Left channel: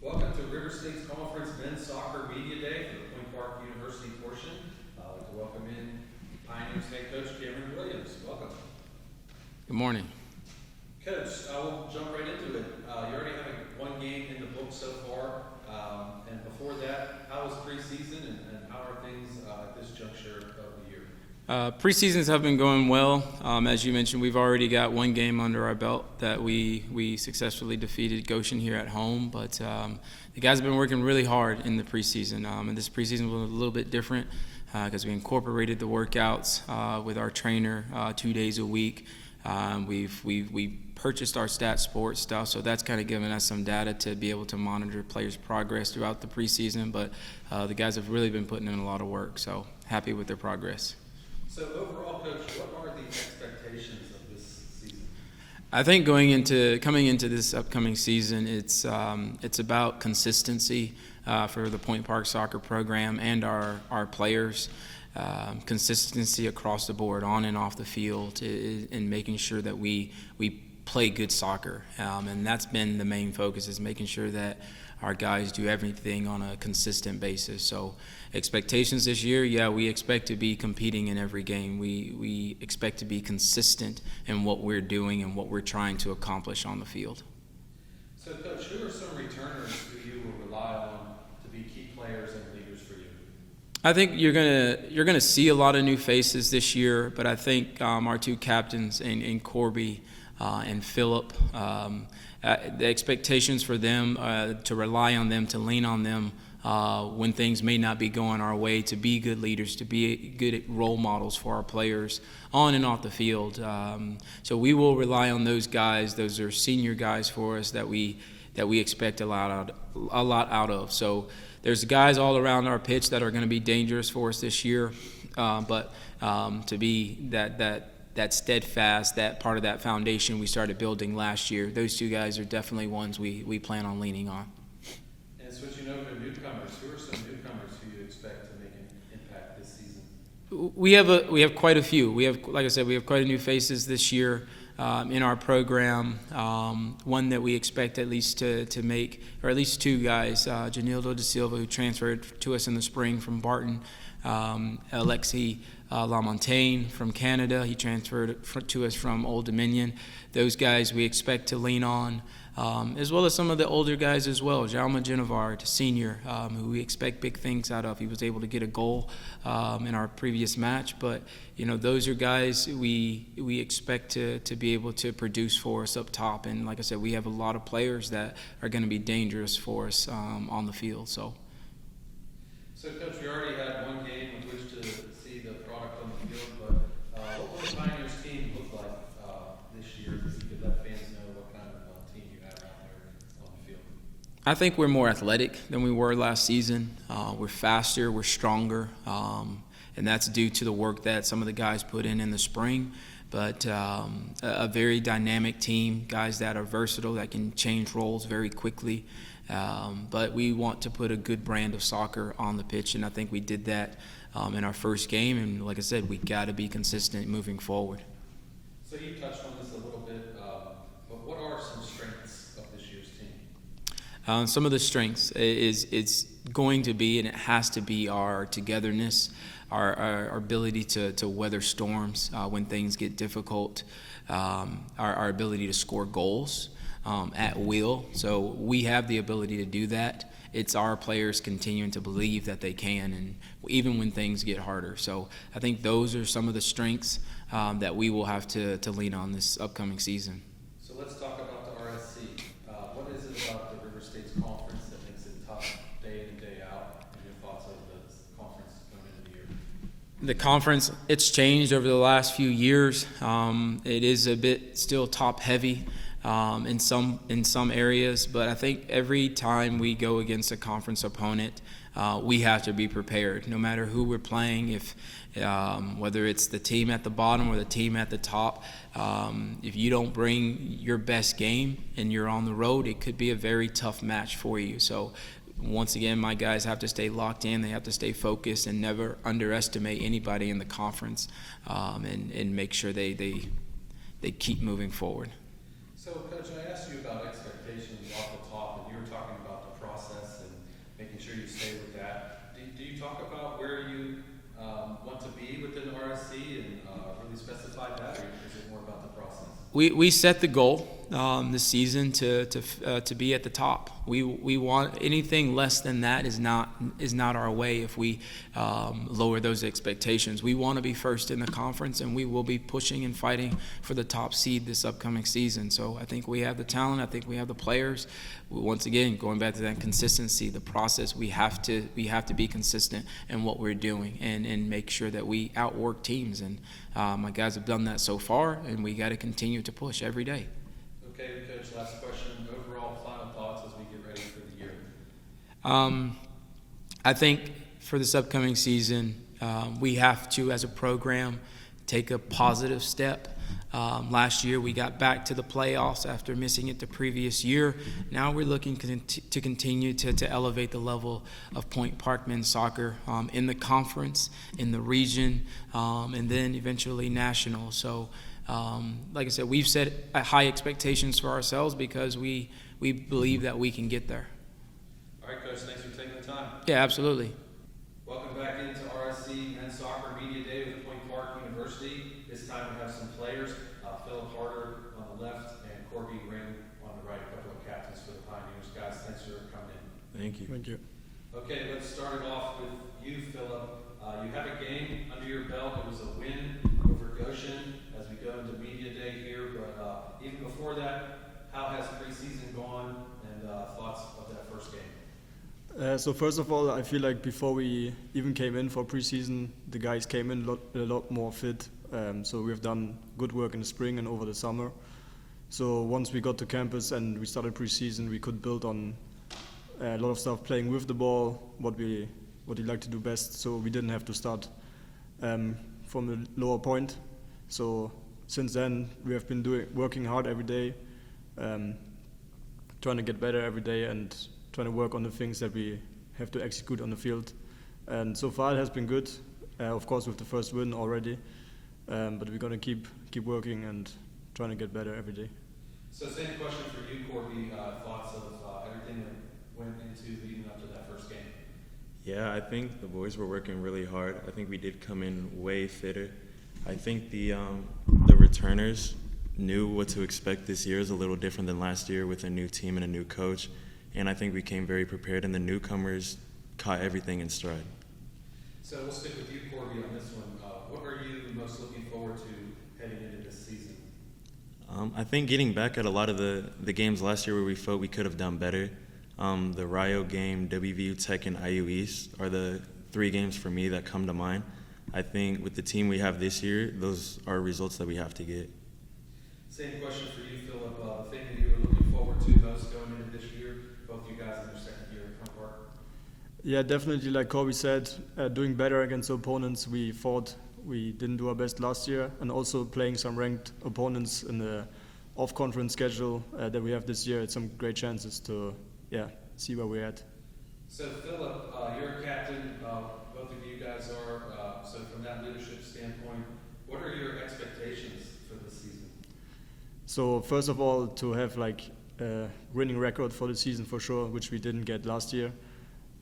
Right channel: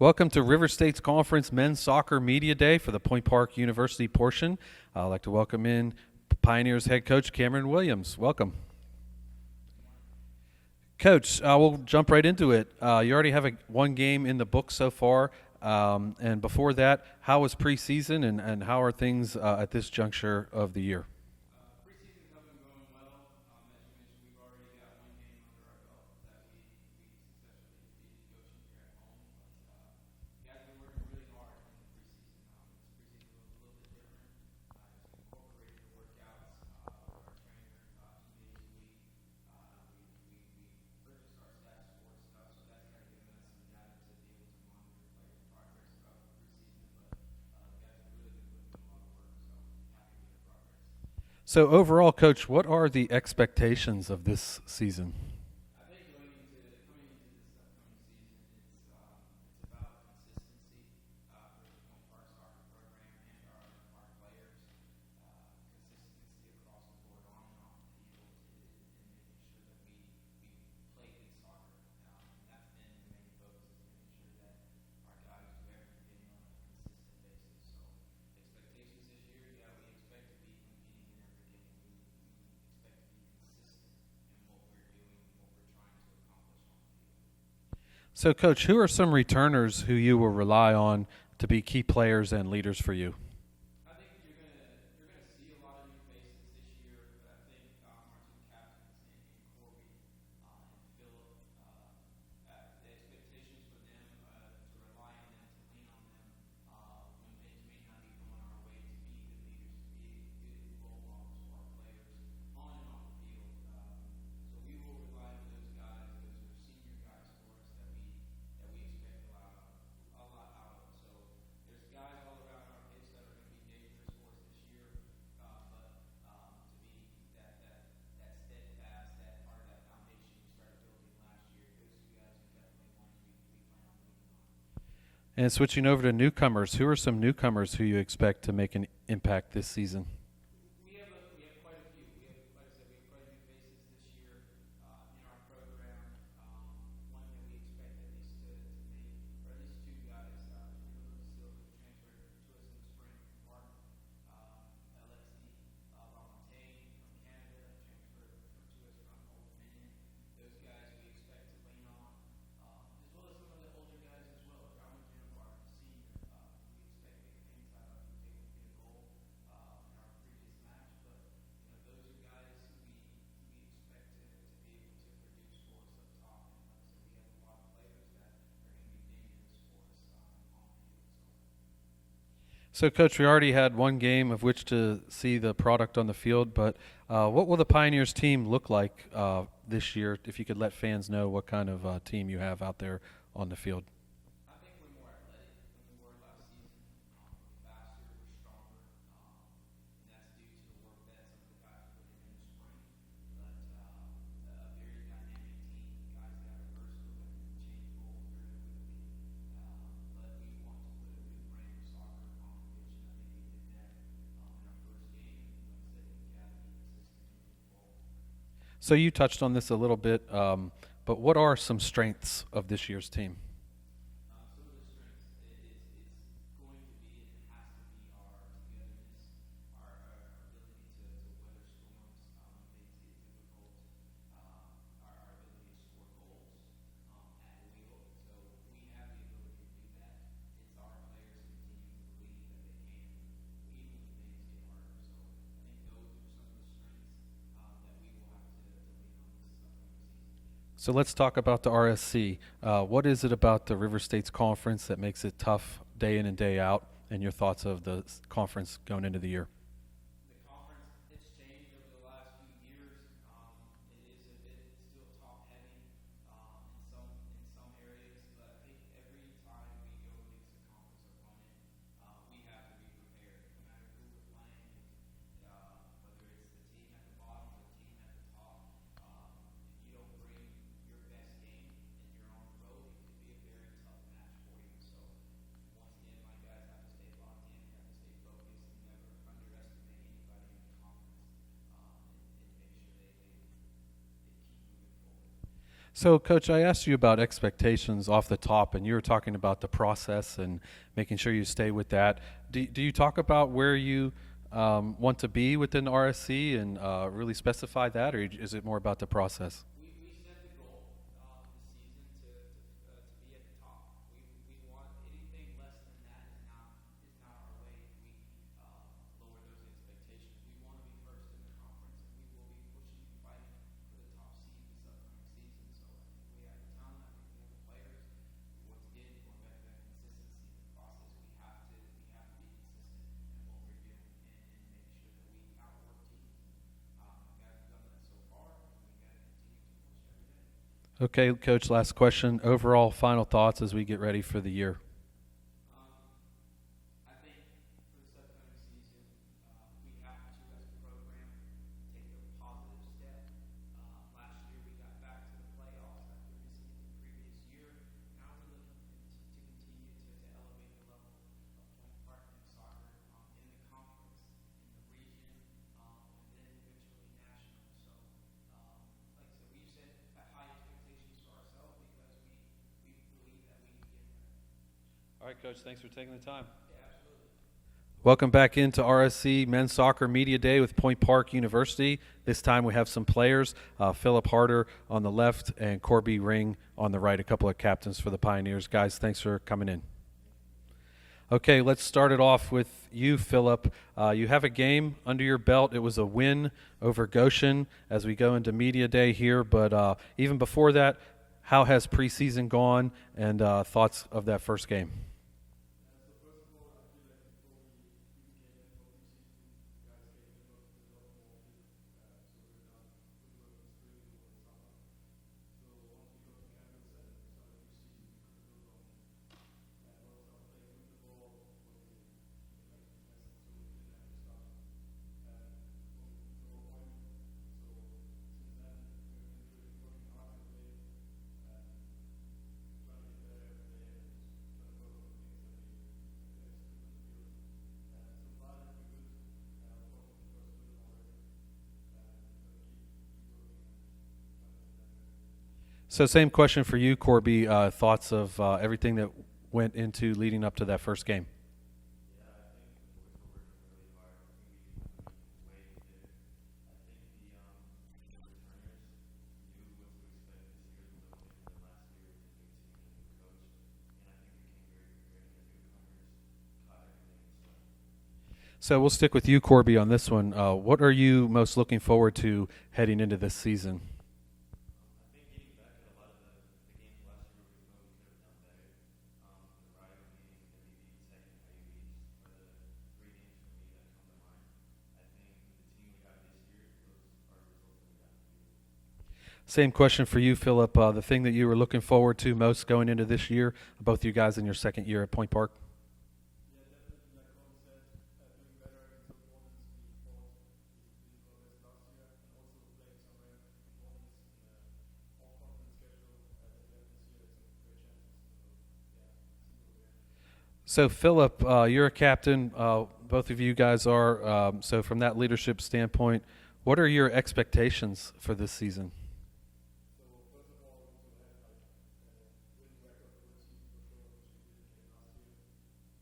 Welcome to River State's Conference Men's Soccer Media Day for the Point Park University portion. I'd like to welcome in Pioneers head coach Cameron Williams. Welcome. Good morning. Coach, we'll jump right into it. You already have one game in the book so far. And before that, how was preseason and how are things at this juncture of the year? Preseasons have been going well. As you mentioned, we've already got one game under our belt that we successfully defeated Goshen here at home. But the guys have been working really hard in the preseason. And this preseason was a little bit different because we incorporated the workouts with our trainer 2 days a week. We purchased our stat sports stuff, so that's kind of given us some data to be able to monitor players' progress throughout the preseason. But the guys have really been putting in a lot of work, so happy with their progress. So overall, Coach, what are the expectations of this season? I think coming into this upcoming season, it's about consistency for the Point Park soccer program and our players. Consistency across the board, on and off the field, and making sure that we play good soccer. And that's been the main focus, is making sure that our guys do everything on a consistent basis. So expectations this year, we expect to be competing in every game. We expect to be consistent in what we're doing and what we're trying to accomplish on the field. So, Coach, who are some returners who you will rely on to be key players and leaders for you? I think you're gonna see a lot of new faces this year, but I think our two captains in Corby and Phillip, the expectations for them to rely on them, to lean on them when things may not be going our way, to be good leaders, to be good role models for our players on and off the field. So we will rely on those guys. Those are senior guys for us that we expect a lot out of. So there's guys all around our pitch that are going to be dangerous for us this year, but to be that steadfast, that part of that foundation we started building last year, those two guys are definitely ones we plan on leaning on. And switching over to newcomers, who are some newcomers who you expect to make an impact this season? We have quite a few. Like I said, we have quite a few faces this year in our program. One that we expect at least to make, or at least two guys, Janildo Da Silva, who transferred to us in the spring from Barton, Alexi Lamontagne from Canada, he transferred to us from Old Dominion. Those guys we expect to lean on, as well as some of the older guys as well. Jaume Genevard, senior, who we expect big things out of. He was able to get a goal in our previous match, but those are guys we expect to be able to produce for us up top. And like I said, we have a lot of players that are going to be dangerous for us on the field. So, Coach, we already had one game of which to see the product on the field, but what will the Pioneers team look like this year, if you could let fans know what kind of team you have out there on the field? I think we're more athletic than we were last season. We're faster, we're stronger, and that's due to the work that some of the guys put in the spring. But a very dynamic team, guys that are versatile, that can change roles very quickly. But we want to put a good brand of soccer on the pitch, and I think we did that in our first game. And like I said, we got to be consistent moving forward. So you touched on this a little bit, but what are some strengths of this year's team? Some of the strengths is it's going to be, and it has to be, our togetherness, our ability to weather storms when things get difficult, our ability to score goals at will. So we have the ability to do that. It's our players continuing to believe that they can, and even when things get harder. So I think those are some of the strengths that we will have to lean on this upcoming season. So let's talk about the RSC. What is it about the River State's conference that makes it tough day in and day out, and your thoughts of the conference going into the year? The conference, it's changed over the last few years. It is a bit still top heavy in some areas, but I think every time we go against a conference opponent, we have to be prepared, no matter who we're playing. Whether it's the team at the bottom or the team at the top, if you don't bring your best game and you're on the road, it could be a very tough match for you. So once again, my guys have to stay locked in. They have to stay focused and never underestimate anybody in the conference, and make sure they keep moving forward. So, Coach, I asked you about expectations off the top, and you were talking about the process and making sure you stay with that. Do you talk about where you want to be within RSC and really specify that, or is it more about the process? We set the goal this season to be at the top. We want anything less than that is not our way. If we lower those expectations, we want to be first in the conference, and we will be pushing and fighting for the top seed this upcoming season. So I think we have the talent. I think we have the players. Once again, going back to that consistency, the process, we have to be consistent in what we're doing and make sure that we outwork teams. And my guys have done that so far, and we got to continue to push every day. Okay, Coach, last question. Overall final thoughts as we get ready for the year. I think for this upcoming season, we have to, as a program, take a positive step. Last year, we got back to the playoffs after missing it the previous year. Now we're looking to continue to elevate the level of Point Park men's soccer in the conference, in the region, and then eventually national. So, like I said, we've set high expectations for ourselves because we believe that we can get there. All right, Coach, thanks for taking the time. Yeah, absolutely. Welcome back into RSC Men's Soccer Media Day with Point Park University. This time we have some players, Philip Harder on the left and Corby Ring on the right, a couple of captains for the Pioneers. Guys, thanks for coming in. Thank you. Thank you. Okay, let's start it off with you, Philip. You have a game under your belt. It was a win over Goshen as we go into Media Day here, but even before that, how has preseason gone and thoughts of that first game? So first of all, I feel like before we even came in for preseason, the guys came in a lot more fit. So we've done good work in the spring and over the summer. So once we got to campus and we started preseason, we could build on a lot of stuff playing with the ball, what we like to do best. So we didn't have to start from a lower point. So since then, we have been working hard every day, trying to get better every day and trying to work on the things that we have to execute on the field. And so far it has been good, of course with the first win already, but we're going to keep working and trying to get better every day. So same question for you, Corby. Thoughts of everything that went into leading up to that first game? Yeah, I think the boys were working really hard. I think we did come in way fitter. I think the returners knew what to expect this year is a little different than last year with a new team and a new coach. And I think we came very prepared, and the newcomers caught everything in stride. So we'll stick with you, Corby, on this one. What are you most looking forward to heading into this season? I think getting back at a lot of the games last year where we felt we could have done better. The Rio game, WVU Tech, and IU East are the three games for me that come to mind. I think with the team we have this year, those are results that we have to get. Same question for you, Philip. The thing that you were looking forward to most going into this year, both you guys in your second year at Point Park? Yeah, definitely, like Corby said, doing better against the opponents we thought we didn't do our best last year, and also playing some ranked opponents in the off-conference schedule that we have this year. It's some great chances to see where we're at. So, Philip, you're a captain. Both of you guys are. So from that leadership standpoint, what are your expectations for this season? So first of all, to have like a winning record for the season for sure, which we didn't get last year.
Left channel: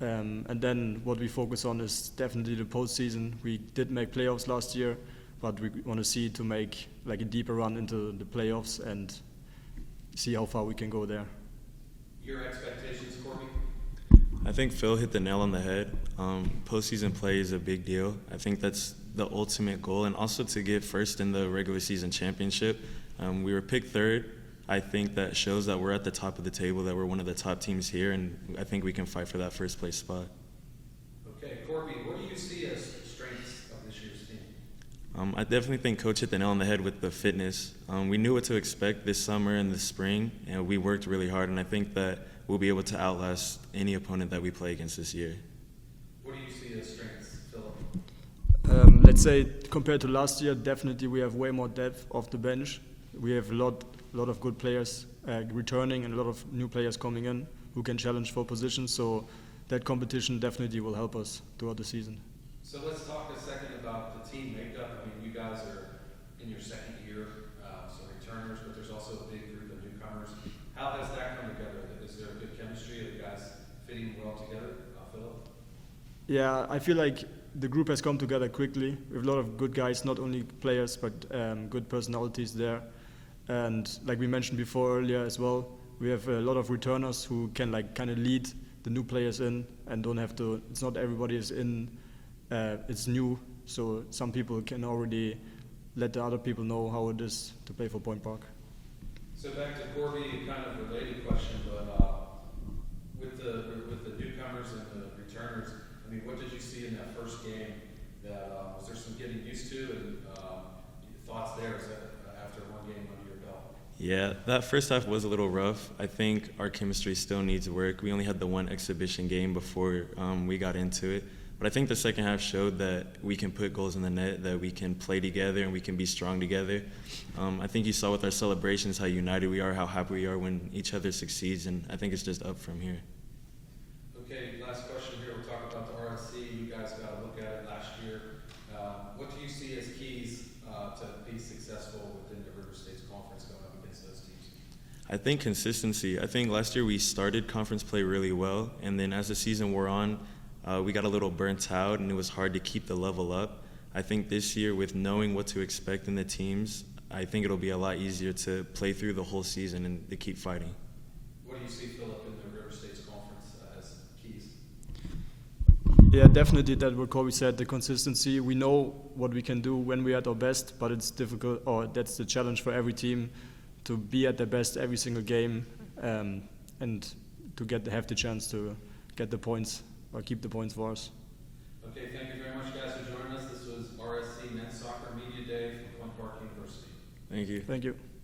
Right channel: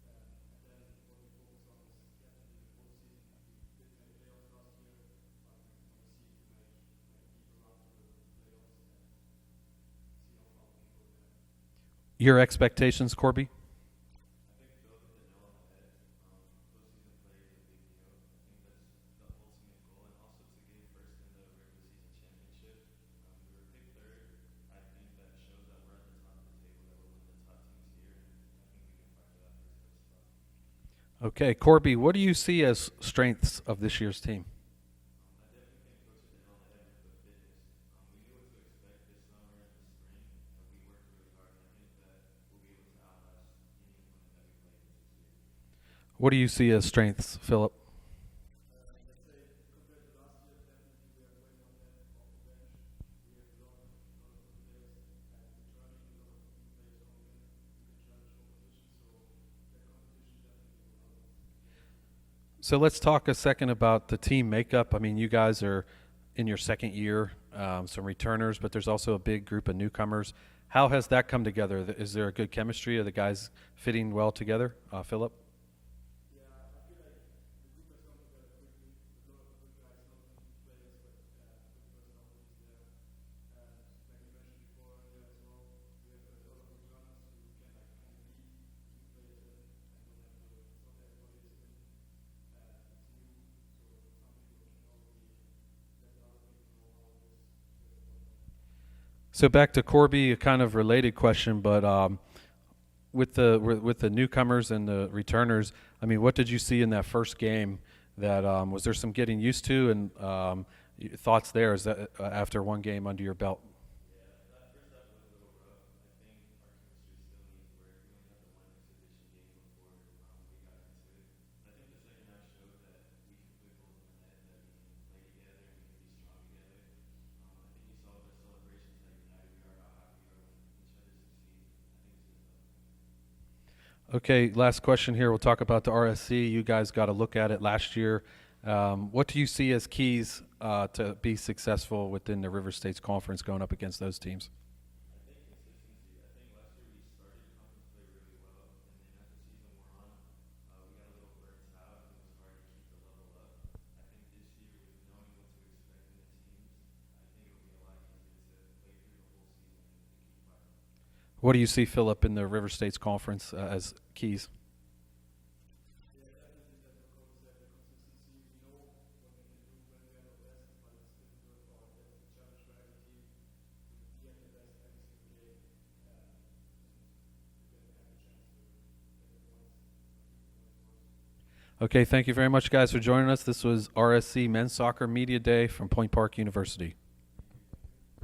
And then what we focus on is definitely the postseason. We did make playoffs last year, but we want to see to make like a deeper run into the playoffs and see how far we can go there. Your expectations, Corby? I think Phil hit the nail on the head. Postseason play is a big deal. I think that's the ultimate goal, and also to get first in the regular season championship. We were picked third. I think that shows that we're at the top of the table, that we're one of the top teams here, and I think we can fight for that first place spot. Okay, Corby, what do you see as strengths of this year's team? I definitely think Coach hit the nail on the head with the fitness. We knew what to expect this summer and this spring, and we worked really hard, and I think that we'll be able to outlast any opponent that we play against this year. What do you see as strengths, Philip? Let's say compared to last year, definitely we have way more depth off the bench. We have a lot of good players returning and a lot of new players coming in who can challenge for positions. So that competition definitely will help us throughout the season. So let's talk a second about the team makeup. I mean, you guys are in your second year, some returners, but there's also a big group of newcomers. How has that come together? Is there a good chemistry? Are the guys fitting well together? Philip? Yeah, I feel like the group has come together quickly. We have a lot of good guys, not only players, but good personalities there. And like we mentioned before earlier as well, we have a lot of returners who can like kind of lead the new players in and don't have to. It's not everybody is in. It's new, so some people can already let the other people know how it is to play for Point Park. So back to Corby, a kind of related question, but with the newcomers and the returners, I mean, what did you see in that first game? That was there some getting used to, and thoughts there? Is that after one game under your belt? Yeah, that first half was a little rough. I think our chemistry still needs work. We only had the one exhibition game before we got into it. But I think the second half showed that we can put goals in the net, that we can play together, and we can be strong together. I think you saw with our celebrations how united we are, how happy we are when each other succeeds, and I think it's just up from here. Okay, last question here. We'll talk about the RSC. You guys got a look at it last year. What do you see as keys to be successful within the River States Conference going up against those teams? I think consistency. I think last year we started conference play really well, and then as the season wore on, we got a little burnt out, and it was hard to keep the level up. I think this year, with knowing what to expect in the teams, I think it'll be a lot easier to play through the whole season and to keep fighting. What do you see, Philip, in the River States Conference as keys? Yeah, definitely that what Corby said, the consistency. We know what we can do when we're at our best, but it's difficult, or that's the challenge for every team, to be at their best every single game and to have the chance to get the points or keep the points for us. Okay, thank you very much, guys, for joining us. This was RSC Men's Soccer Media Day from Point Park University. Thank you. Thank you.